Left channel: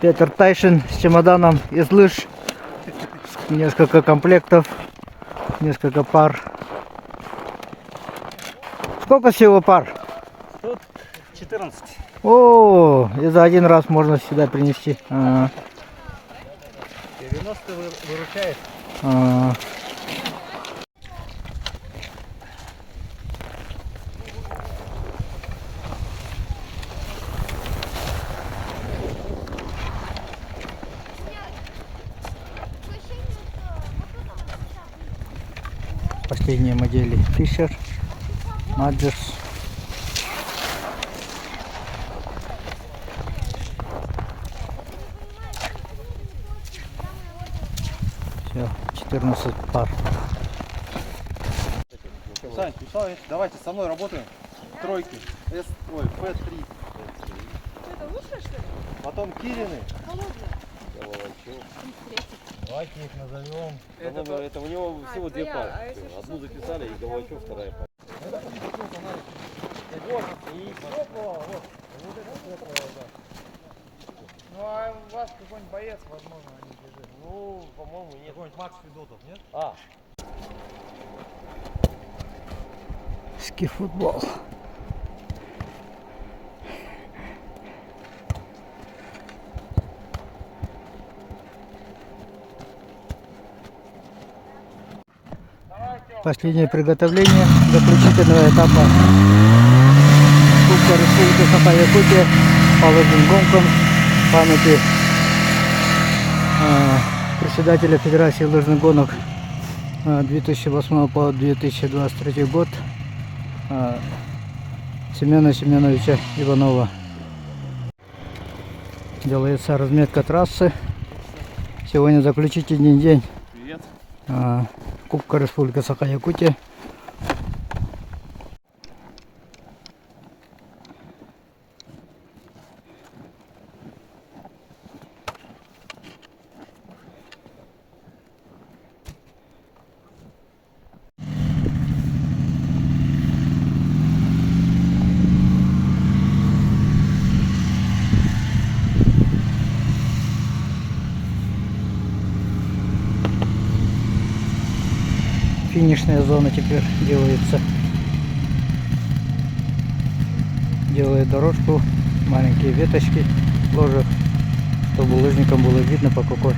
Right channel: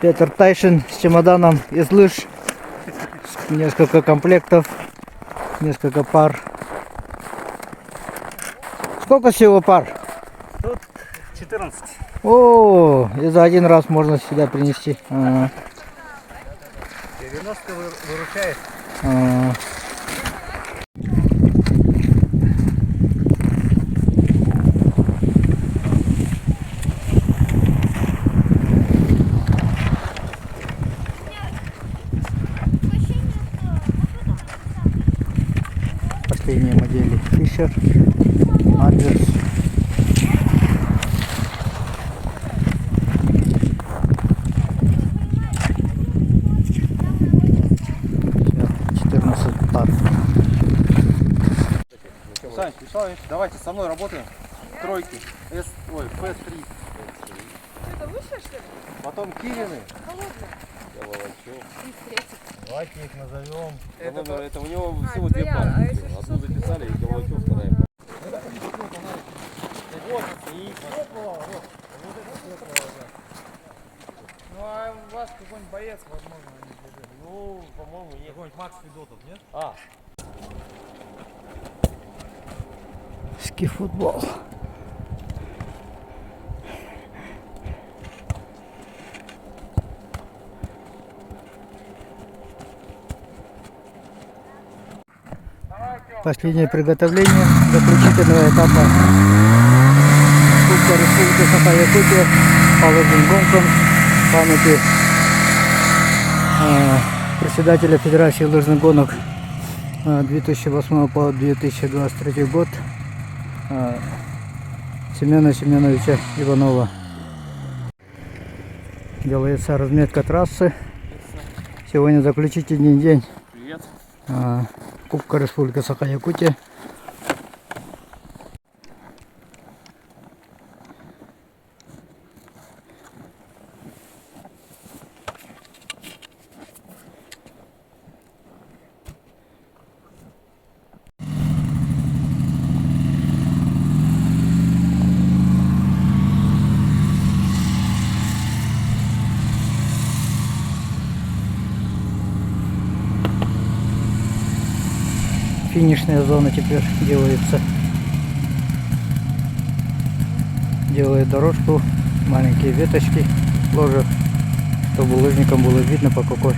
Петр Тайшин с чемоданом из лыж. Несколько комплектов, несколько пар. Сколько всего пар? Тут 14. О, и за один раз можно сюда принести. 90 выручает. Последние модели Fisher, Madgers. Все, 14 пар. Сань, Михайлович, давайте со мной работаем. Тройки. P3. Это лучше, что ли? Потом Кирины. Холодно. Давайте их назовем. Это у него всего две пары. Одну записали и Головачев вторая. Ну а у вас какой-нибудь боец, возможно, они бежит. Ну, по-моему, какой-нибудь Макс Федотов, нет? Ски-футбол. Последнее приготовление заключительного этапа Кубка Республики Саха-Якутия по лыжным гонкам в памяти председателя Федерации лыжных гонок 2008 по 2023 год Семена Семеновича Иванова. Делается разметка трассы. Сегодня заключительный день. Привет. Кубка Республики Саха-Якутия. Финишная зона теперь делается. Делает дорожку, маленькие веточки ложат, чтобы лыжникам было видно, по какой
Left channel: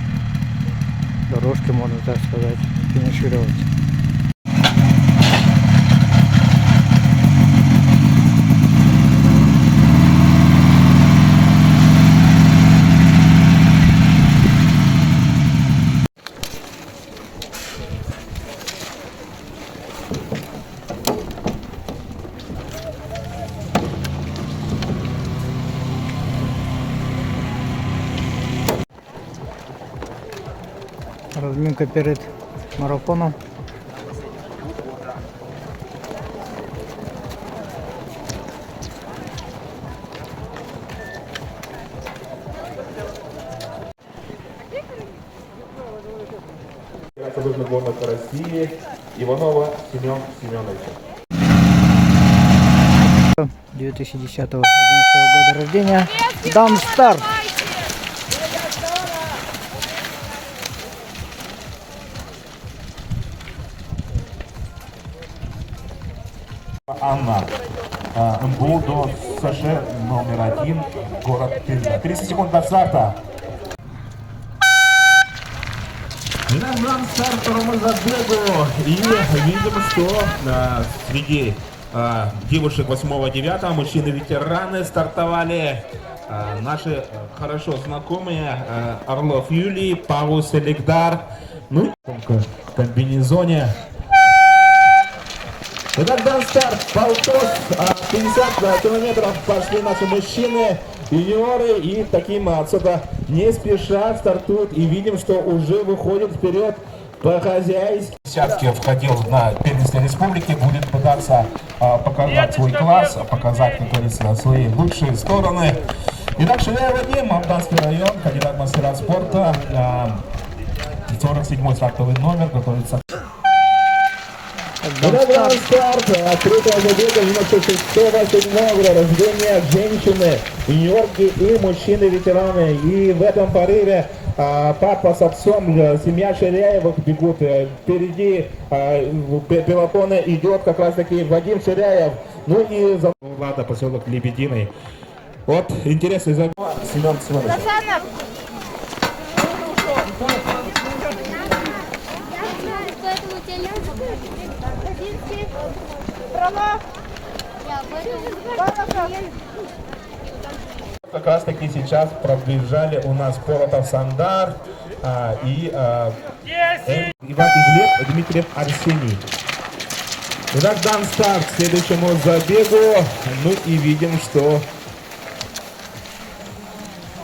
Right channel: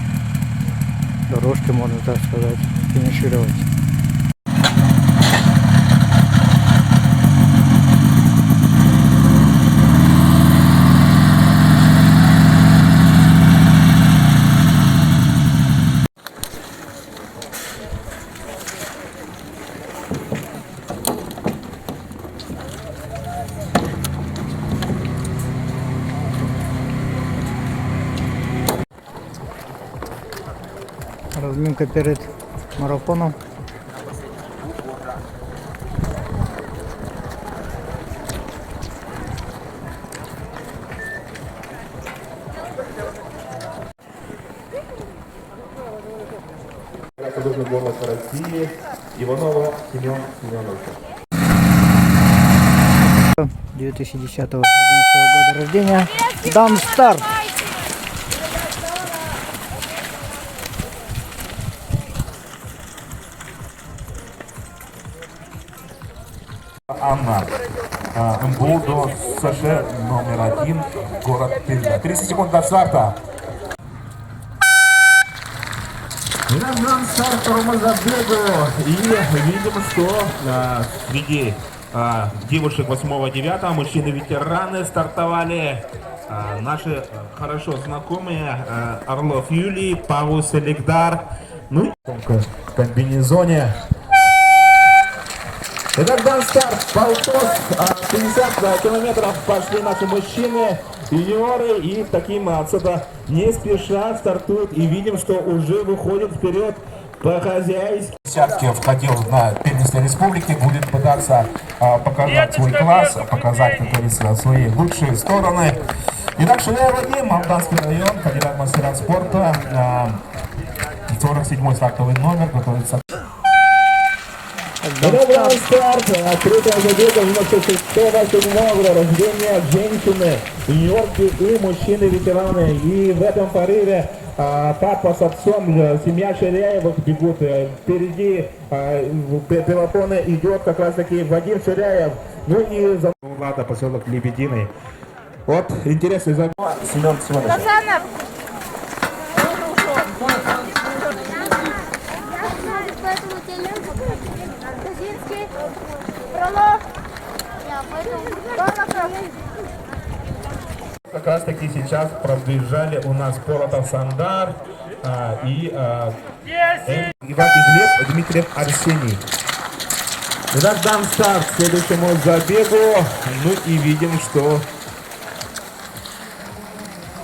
дорожке, можно так сказать, финишировать. Разминка перед марафоном. Лыжный гонок России Иванова Семен Семеновича. 2010-2011 года рождения. Дан старт. Анна. МГУ до СШ номер 1, город Пенза. 30 секунд до старта. Итак, нам старт второго забега. И видим, что среди девушек 8-9, мужчины-ветераны стартовали. Наши хорошо знакомые Орлов Юлий, Павус Эликдар. Ну и в комбинезоне. Итак, дан старт, полтос, 50 километров пошли наши мужчины, юниоры, и таким отсюда не спеша стартуют, и видим, что уже выходит вперед по-хозяйски. Десятки входил на первенство республики, будет пытаться показать свой класс, показать, как говорится, свои лучшие стороны. Итак, Шиляев Вадим, Молдавский район, кандидат в мастера спорта, 47-й стартовый номер, готовится. Добрый старт. Открытая забега 96-го года рождения женщины, юниорки и мужчины-ветераны. И в этом порыве папа с отцом, семья Ширяевых бегут. Впереди пелотона идет как раз таки Вадим Ширяев. Ну и за Влада, поселок Лебединый. Вот интересный забег. Семен Семенович. Как раз таки сейчас пробежали у нас Полотов Сандар и Иван Глеб, Дмитриев Арсений. Итак, дан старт следующему забегу. Ну и видим, что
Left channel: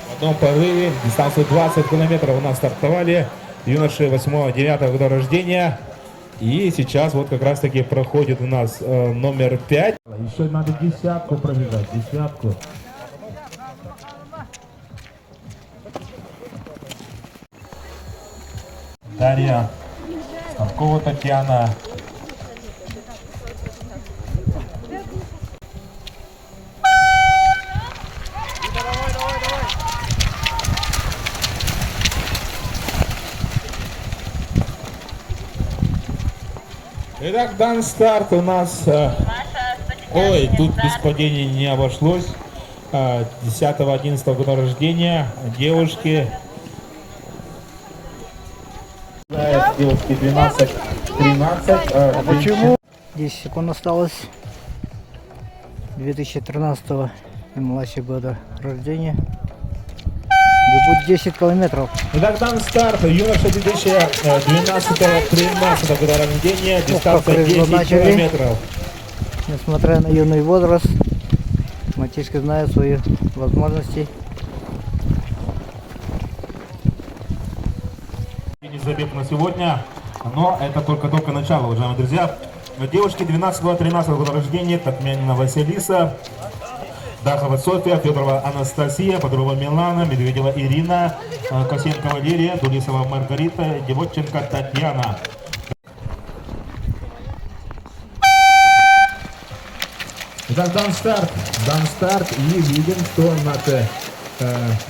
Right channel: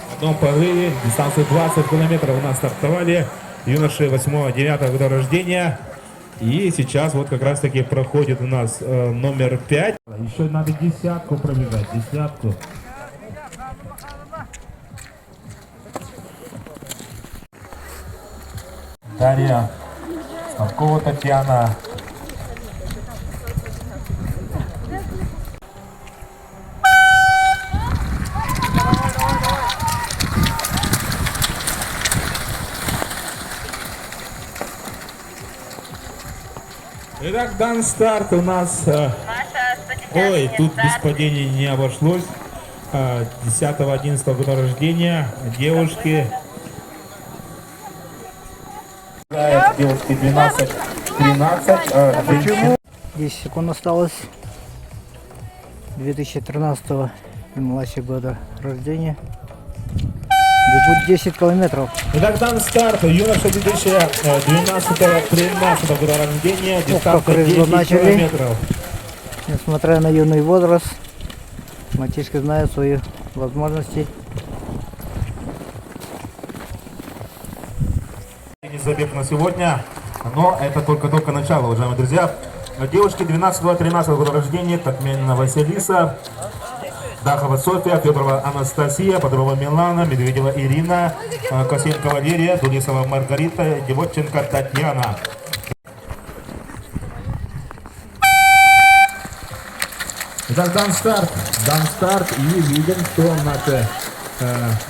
в одном порыве дистанцию 20 километров у нас стартовали юноши 8-9 года рождения. И сейчас вот как раз таки проходит у нас номер 5. Еще надо десятку пробежать, десятку. Дарья, Станкова Татьяна. Итак, дан старт у нас. Ой, тут без падений не обошлось. 10-11 года рождения девушки. Девушки 12-13. Почему? 10 секунд осталось. 2013 и младше года рождения. Бегут 10 километров. Итак, дан старт. Юноша 2012-13 года рождения. Дистанция 10 начали. километров. Несмотря на юный возраст, мальчишки знают свои возможности. Не забег на сегодня, но это только начало, уважаемые друзья. Девушки 12-13 года рождения: Татьянина Василиса, Дахова София, Федорова Анастасия, Бодрова Милана, Медведева Ирина, Косенко Валерия, Дулисова Маргарита, Девотченко Татьяна. Итак, дан старт и видим, что наши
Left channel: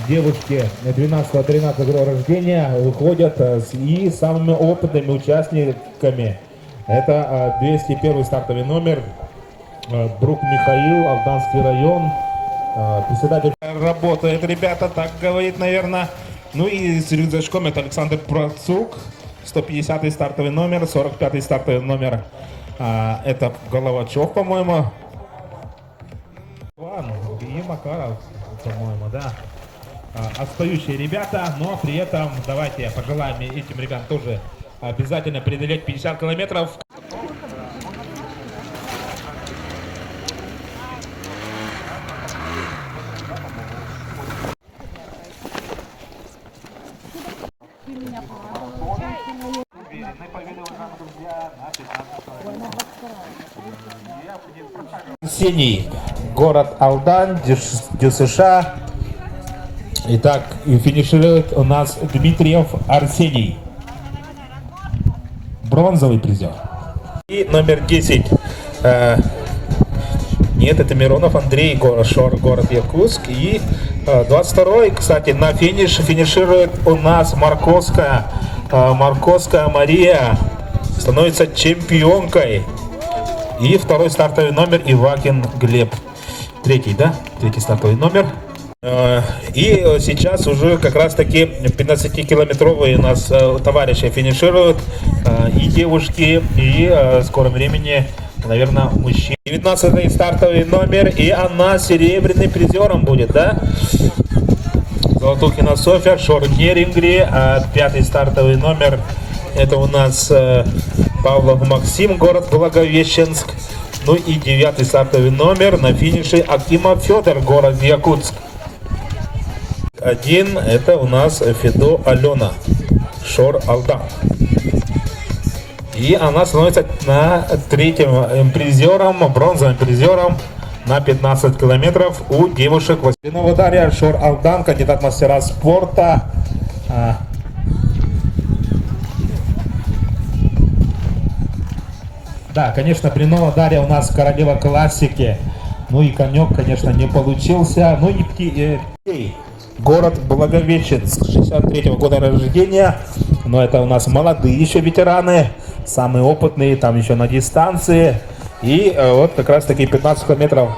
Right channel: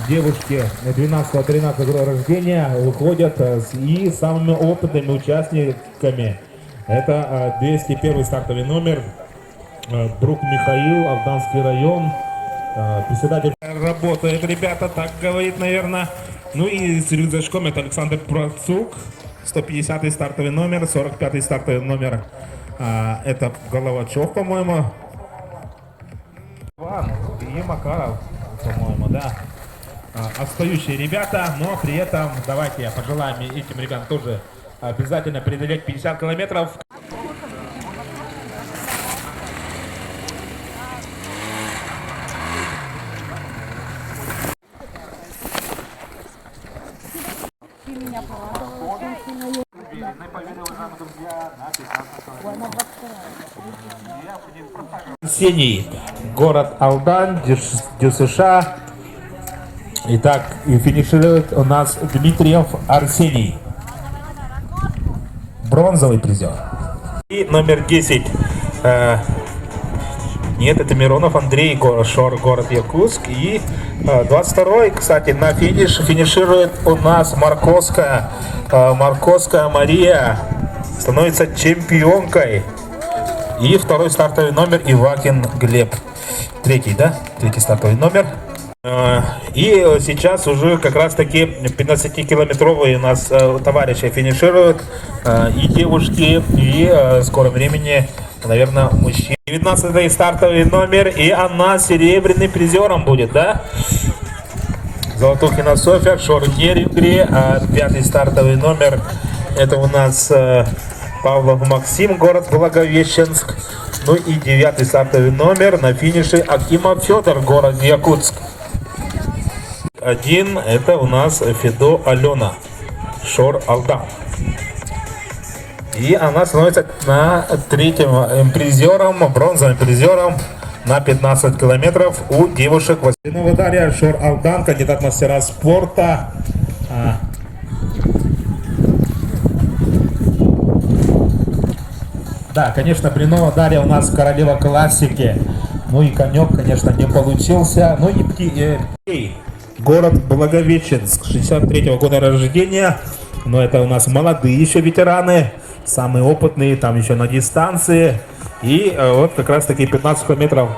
девушки 12-13 года рождения уходят и самыми опытными участниками. Это 201 стартовый номер, друг Михаил, Алданский район, председатель. Работает, ребята, так говорит, наверное. Ну и с рюкзачком это Александр Процук, 150 стартовый номер, 45 стартовый номер, это Головачев, по-моему. И Макаров, по-моему, да. Отстающие ребята, но при этом давайте пожелаем этим ребятам тоже обязательно преодолеть 50 километров. Арсений, город Алдан, ДЮСШ. Итак, и финиширует у нас Дмитриев Арсений, бронзовый призер. И номер 10. Нет, это Миронов Андрей, город Якутск. И 22-й, кстати, на финиширует у нас Марковская Мария, становится чемпионкой. И второй стартовый номер Ивакин Глеб. Третий стартовый номер. И сейчас уже как раз таки 15-километровые у нас товарищи финишируют. И девушки, и в скором времени, наверное, мужчины. 19-й стартовый номер, и она серебряным призером будет, да? Золотухина Софья, Шор Нерингри, а 5-й стартовый номер. Это у нас Павлов Максим, город Благовещенск. Ну и 9-й стартовый номер на финише Акимов Федор, город Якутск. 1 это у нас Федо Алена, Шор Алдан. И она становится на 3-м призером, бронзовым призером на 15 километров у девушек. Василинова Дарья, Шор Алдан, кандидат мастера спорта. Да, конечно, Блинова Дарья у нас королева классики. Ну и конек, конечно, не получился. Ну и город Благовещенск, 63-го года рождения. Но это у нас молодые еще ветераны, самые опытные, там еще на дистанции. И вот как раз таки 15 километров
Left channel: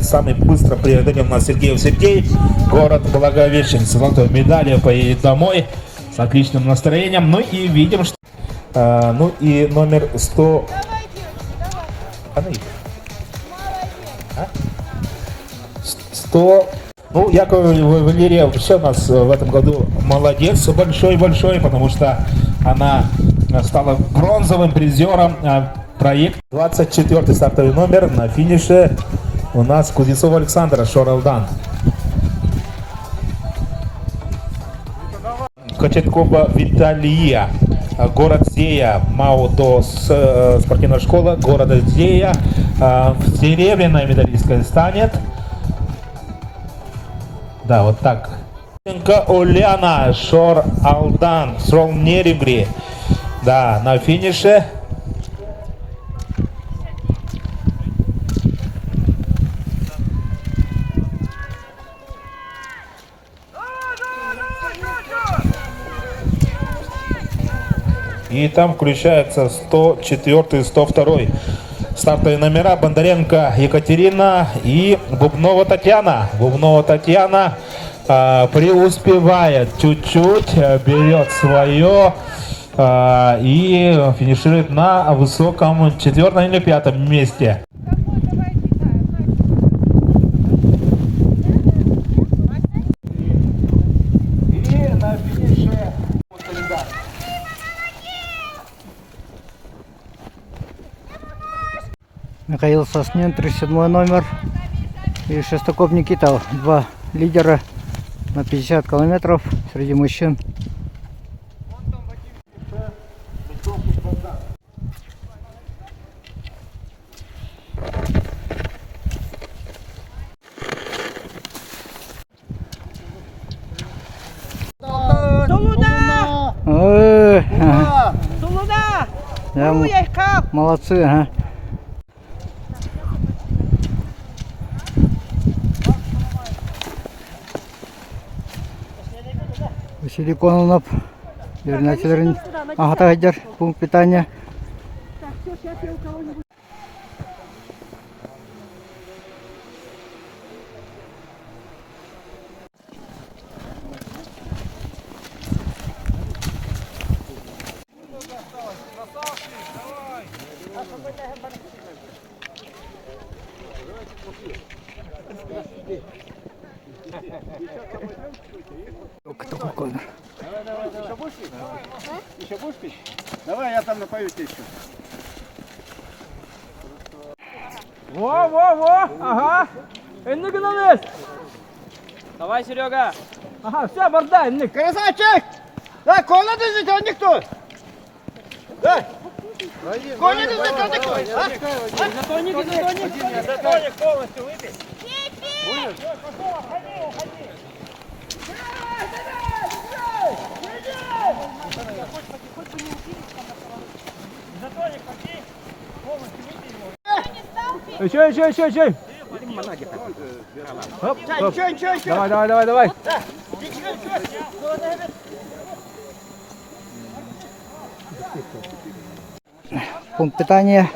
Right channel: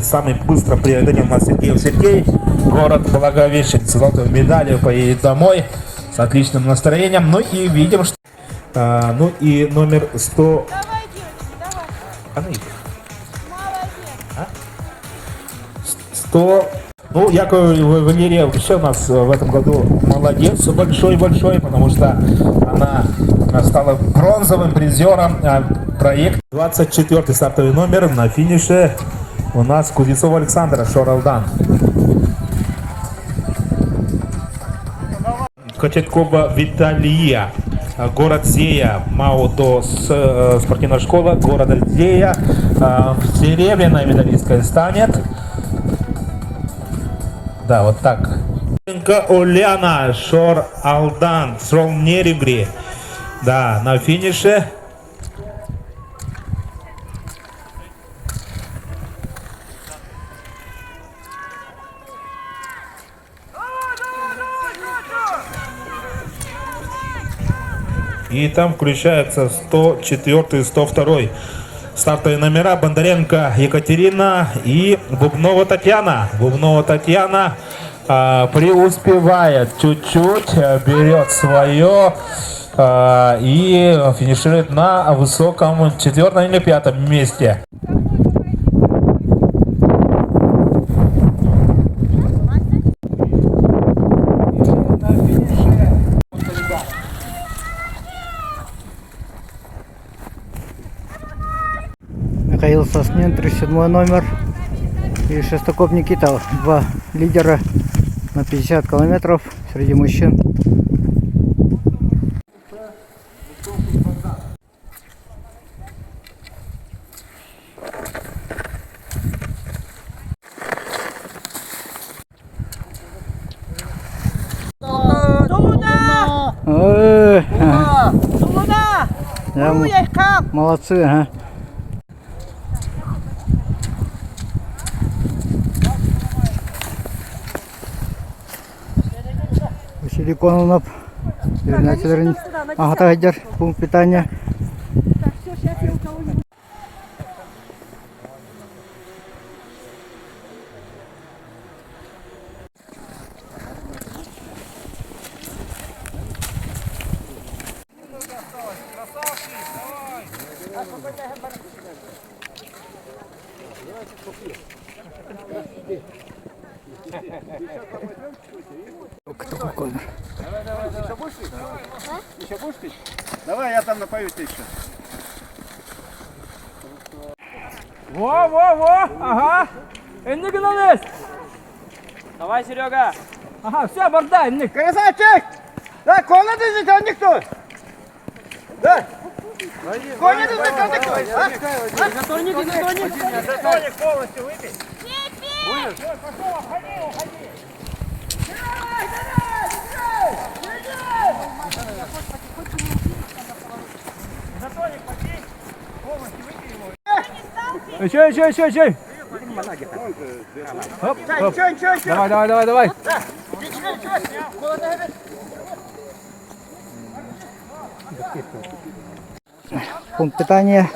самый быстро преодолел у нас Сергей. Город Благовещенск, золотой медалью поедет домой с отличным настроением. Ну и видим, что... ну и номер 100... А? 100... Ну, Яков Валерия вообще у нас в этом году молодец, большой-большой, потому что она стала бронзовым призером проекта. 24-й стартовый номер на финише у нас Кузнецов Александр, Шор-Алдан. Кочеткова Виталия, город Зея, МАУ спортивная школа города Зея. Серебряная медалисткой станет. Да, вот так. Оляна, Шор-Алдан, Срол-Неребри. Да, на финише. И там включаются 104 и 102 стартовые номера. Бондаренко Екатерина и Бубнова Татьяна. Бубнова Татьяна преуспевает чуть-чуть, берет свое и финиширует на высоком 4-м или 5-м месте. Михаил Соснин, 37 номер. И Шестаков Никита, 2 лидера на 50 километров среди мужчин. Да, молодцы, ага. Василий Кононов, Ирина Федоровна, Агата Гайдар, пункт питания. Еще будешь пить? Еще будешь пить? Давай, я там напою тебя еще. Во, ага. Инник на лес. Давай, Серега. Ага, все, борда, инник. Красавчик! Да, кола держите, а никто! Да! Коля держите, никто! Затоник полностью выпей. Будешь? Пошел, уходи. Затоник попей, полностью выпей его. Еще. Хоп. Давай. Пункт питания.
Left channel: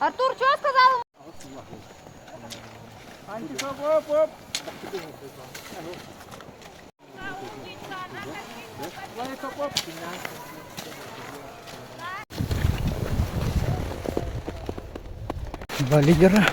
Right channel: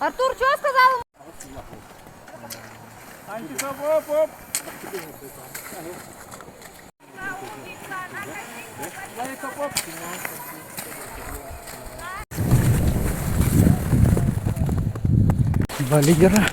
Артур, что сказал? Два лидера.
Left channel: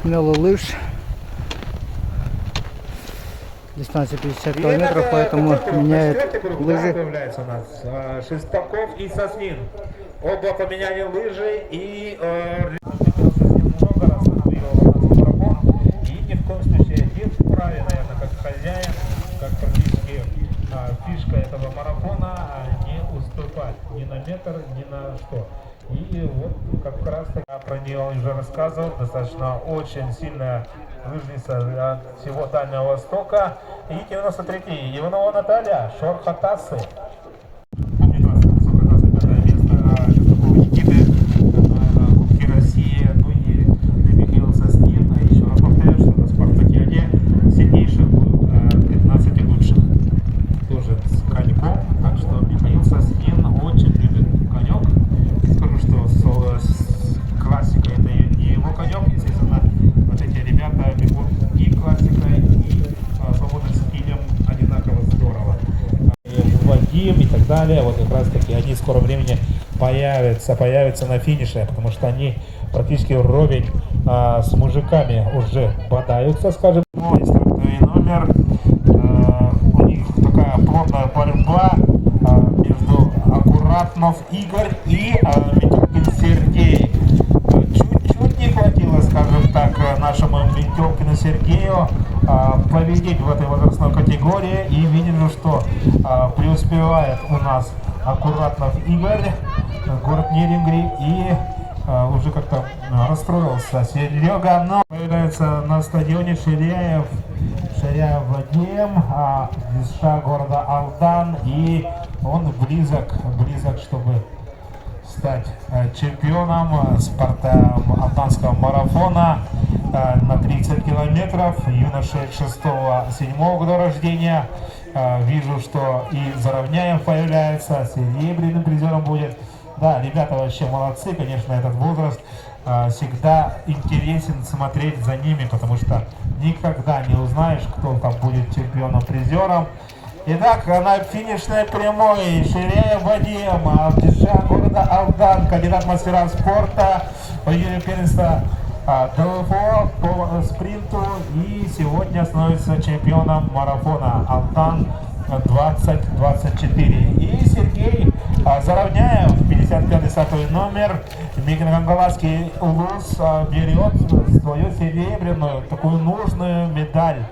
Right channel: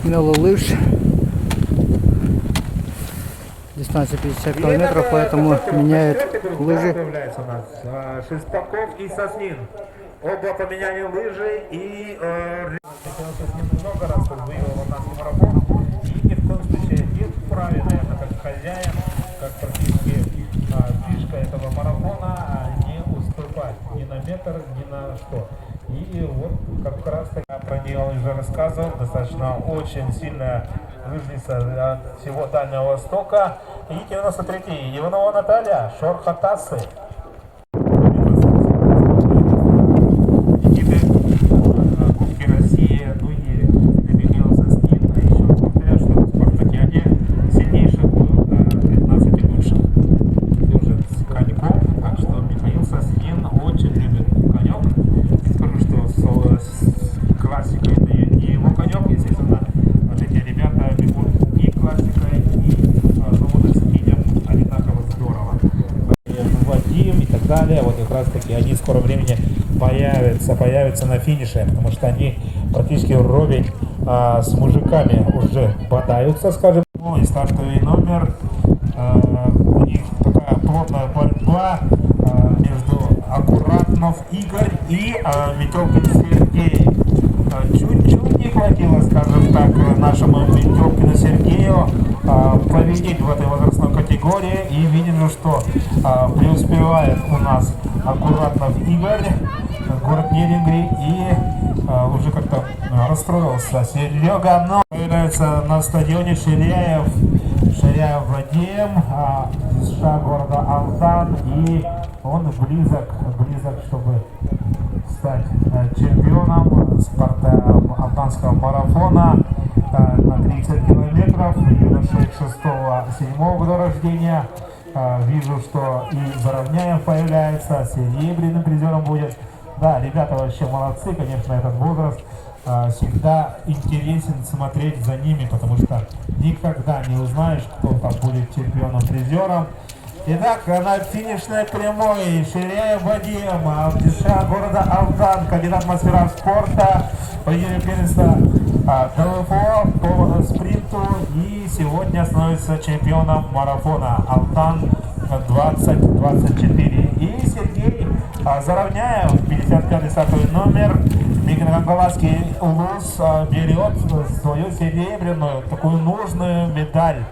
Смело лыж. Дистанция 50 километров, поэтому меняет лыжи. Появляется у нас Шестаков и Соснин. Оба поменяли лыжи и много раз отвоевал у нас марафон. И ни в коем случае не вправе, наверное, как хозяин, как практически фишка этого марафона, не уступать ни на метр, ни на что. И вот как раз таки я про нее уже рассказывал, достаточно очень сильная лыжница от всего Дальнего Востока. И 93-й Иванова Наталья, Шорхатасы. Россия, ну и добился с ним, а еще повторяю, что в спартакиаде сильнейших 15 лучших. Тоже с коньком, так что Михаил Соснин очень любит конек. Скажу, что с классикой это не его конек, естественно. Вот эти ребята ведут и классикой, и свободой скинем одинаково здорово. Вадим и так далее, вот как раз таки они в скором времени появятся на финише, потому что они практически вровень с мужиками уже бодаются, скажем. Ну и стартовый номер, у них такая плотная борьба между Аккуратнов Игорь и Метелкин Сергей. Чуть не хватило, скажем так, нашему Метелкину Сергею победить в этой возрастной категории, и видим, что преуспевает у нас Аккуратнов Игорь, город Нерюнгри, и уже как-то расстроился Серега, но появляется на стадионе Ширяев Вадим, из города Алдан, и он близок, чтобы стать чемпионом Алданского марафона на 30 километров, юношей 6-7 года рождения. Вижу, что и Заровняев появляется, серебряным призером будет. Да, ребята вообще молодцы, конечно, этот возраст всегда интересен смотреть за ними, потому что никогда не узнаешь, кто там будет чемпионом-призером. Итак, на финишной прямой Ширяев Вадим, алтиша города Алдан, кандидат в мастера спорта, победитель первенства ДЛФО по спринту, и сегодня становится чемпионом марафона Алтан 2024. И Сергей Заровняев, 55-й стартовый номер, Микрогангаласский УЛУС, берет свою серебряную, такую нужную медаль,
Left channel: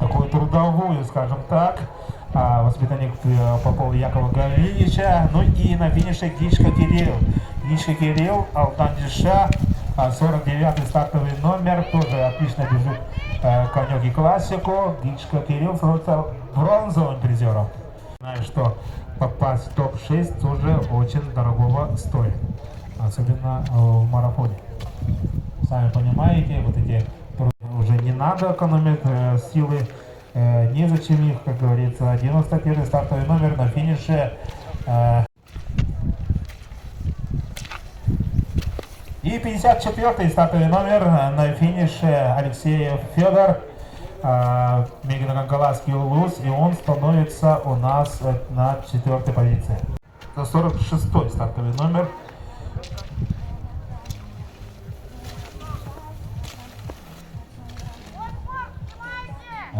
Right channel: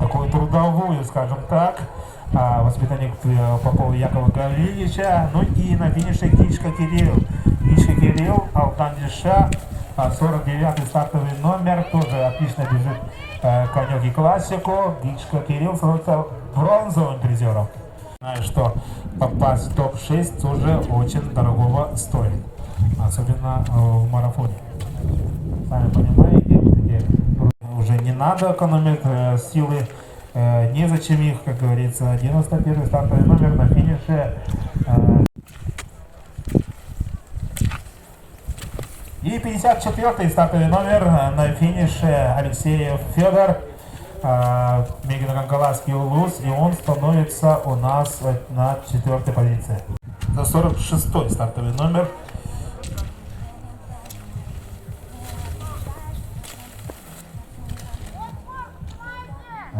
такую трудовую, скажем так. Воспитанник Попова Якова Галинича. Ну и на финише Гичка Кирилл, Алтан Диша, 49-й стартовый номер, тоже отлично бежит конек и классику. Гичка Кирилл становится бронзовым призером. Знаю, что попасть в топ-6 тоже очень дорогого стоит, особенно в марафоне. Сами понимаете, вот эти уже не надо экономить силы. Незачем их, как говорится. 91-й стартовый номер на финише. И 54-й стартовый номер на финише Алексеев Федор, Мегино-Гангаласский УЛУС, и он становится у нас на 4-й позиции. За 46-й стартовый номер.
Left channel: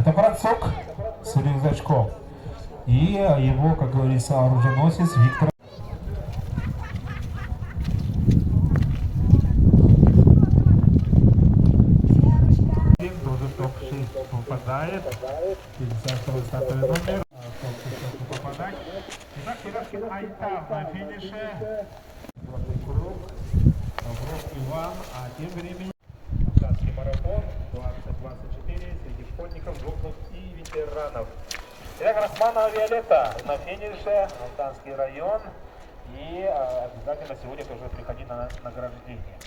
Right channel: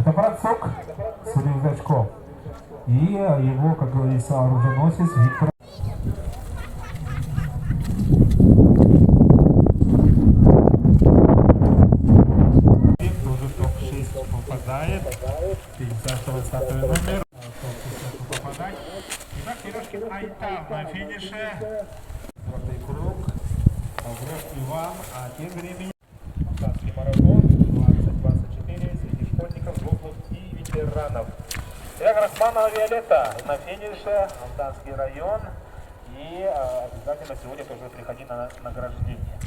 Это Процок с рюкзачком. И его, как говорится, оруженосец Виктор. на финише. Золотой круг. Олег Иван, а тем временем Казанский марафон 2024 среди школьников, взрослых и ветеранов. Олег Росманова Виолетта на финише, Алданский район. И обязательно сегодня тоже приходи на награждение.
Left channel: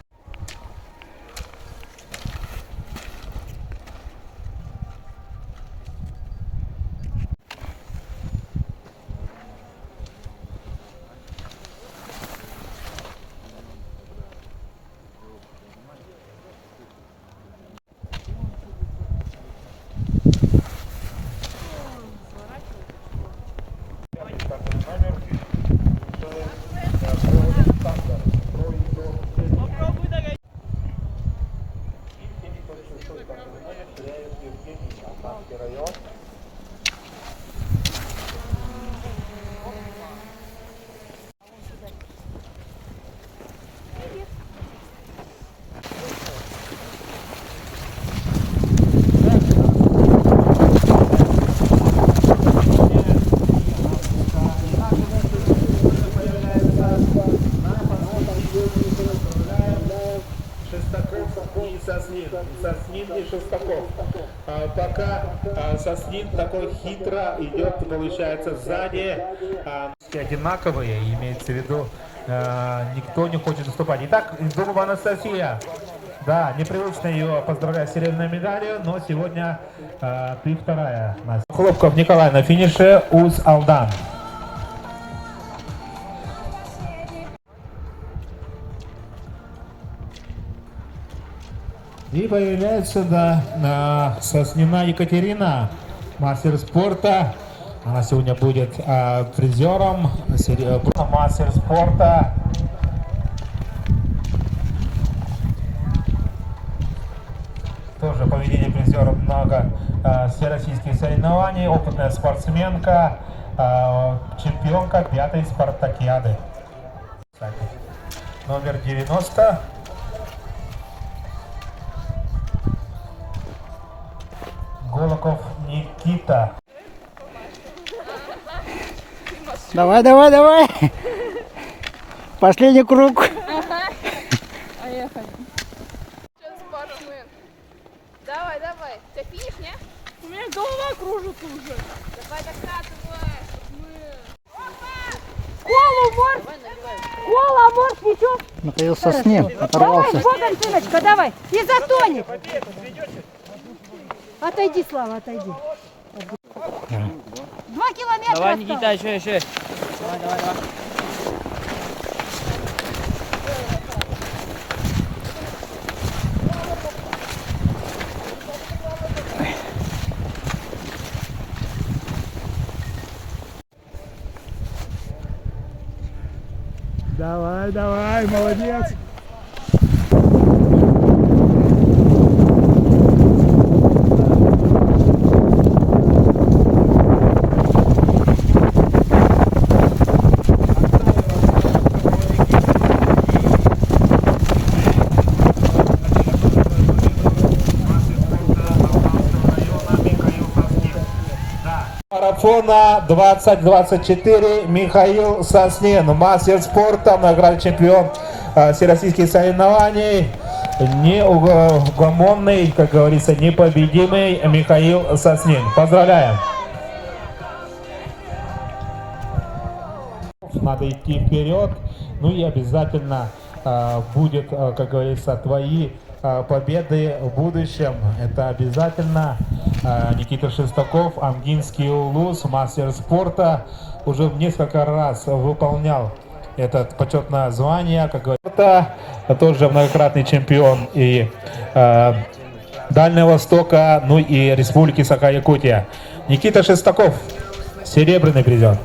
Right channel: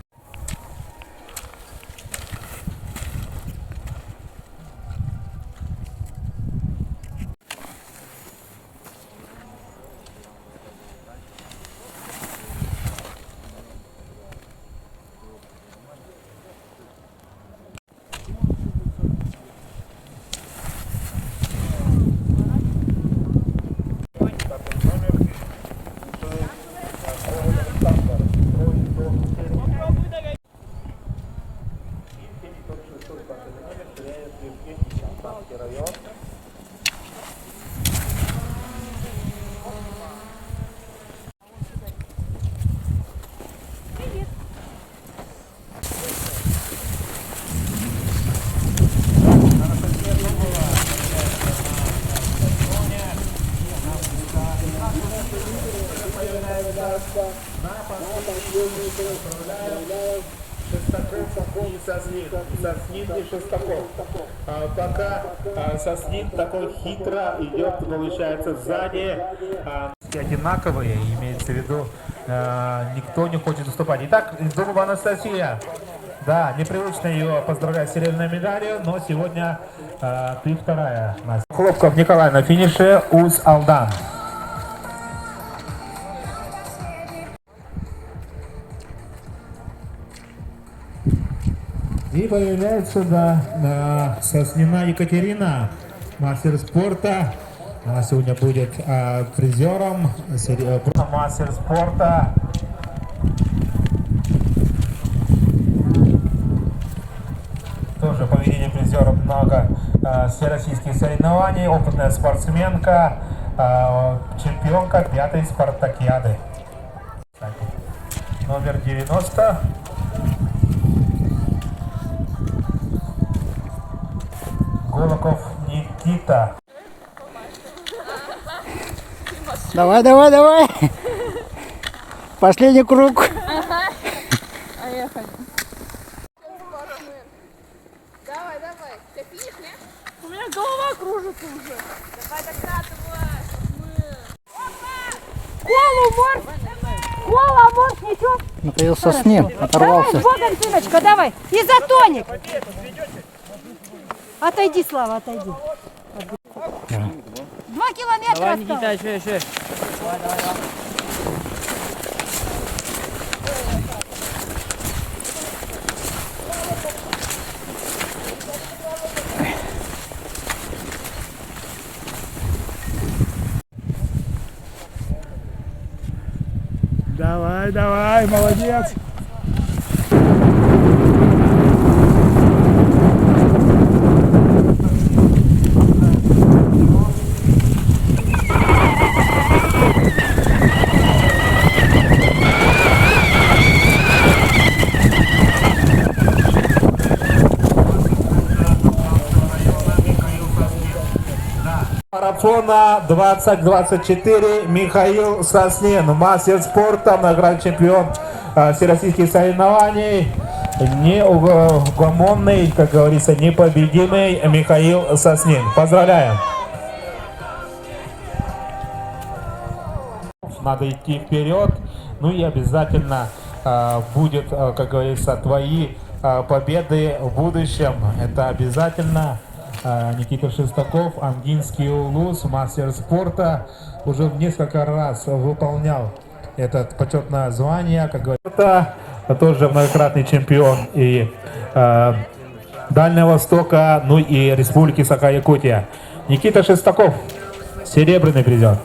Соснин и Шестаков. Пока Соснин такой хитро идет, получается, сзади. Одинаковые, имеется в виду, никто не хочет уступать. Итак, Зубова Анастасия. Да, непривычно ее поздравлять с серебряной медалью, но сегодня ты вторая. Хлопков Николай на финише, Уз Алдан. И появляется, да, Соснина Екатерина, мастер спорта. Она сегодня будет призером мастер спорта. Тоже поведение призера много всероссийских соревнований, опытная спортсменка, чемпионка 5-й спартакиады. Номер 90. Голоков Никита. Давай, давай, давай. Последний круг. Поехали. Давай, давай. Ты финиш, не? У меня голова кружится уже. Давай докатывай. Колу, морс. Кола, морс, ничего. Михаил Соснин оторвался. Давай, вот Альфиночка, давай. Изотоник. Отойди, Слава, отойди. 2 километра. Давай, осталось. Никита, еще. Давай, давай, молодец. Марафона 2024 Михаил Соснин, мастер спорта, многократный чемпион всероссийских соревнований, неугомонный, как говорится, непобедимый Михаил Соснин. Поздравляем! Надо идти вперед, ну и обязательно будет, как говорится, твои победы в будущем. Это обязательно. Никита Шестаков, Амгинский улус, мастер спорта, уже в несколько раз выполнял это почетное звание, как говорится. Это тоже многократный чемпион и Дальнего Востока, ну и Республики Саха-Якутия. Никита Шестаков, серебряный призер.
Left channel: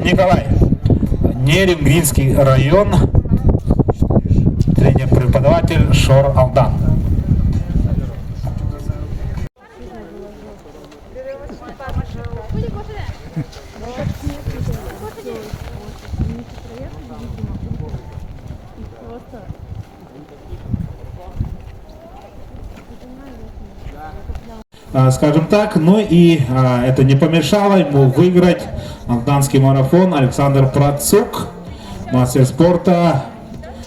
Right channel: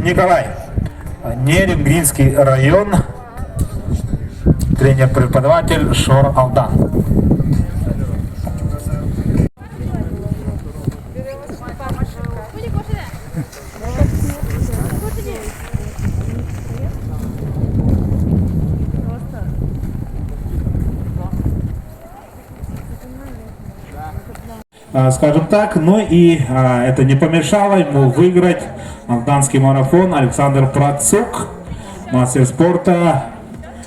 Николай, Неремгринский район, тренер-преподаватель Шор Алдан. скажем так. Ну и это не помешало ему выиграть алданский марафон. Александр Процук, мастер спорта,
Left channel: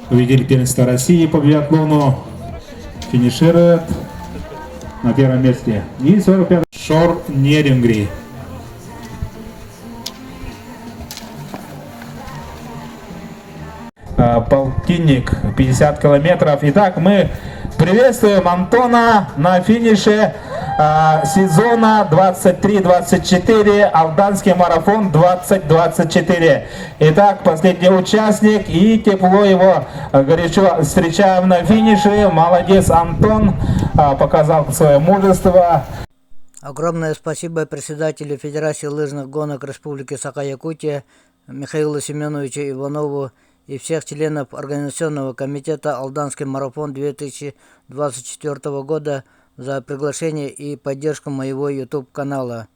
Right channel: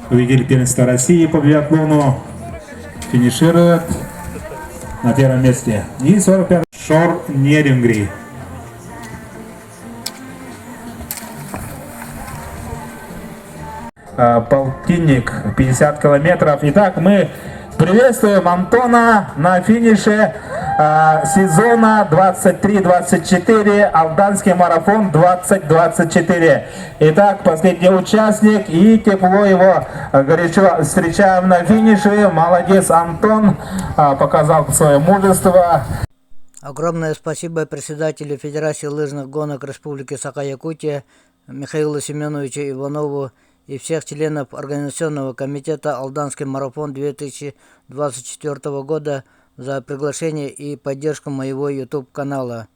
победитель первенства России по биатлону, финиширует на первом месте. И 45 Шор Нерингри. Полтинник, 50 километров. Итак, мы приветствуем Антона на финише сезона 23-24, Алданский марафон 2024. Итак, последний участник, и тепло его горячо встречаем на финише. Молодец, Антон, показал свое мужество. Огромное спасибо председателю Федерации лыжных гонок Республики Саха-Якутия Михаилу Семеновичу Иванову и всех членов Организационного комитета «Алданский марафон» 2024 года за приглашение и поддержку моего YouTube-канала.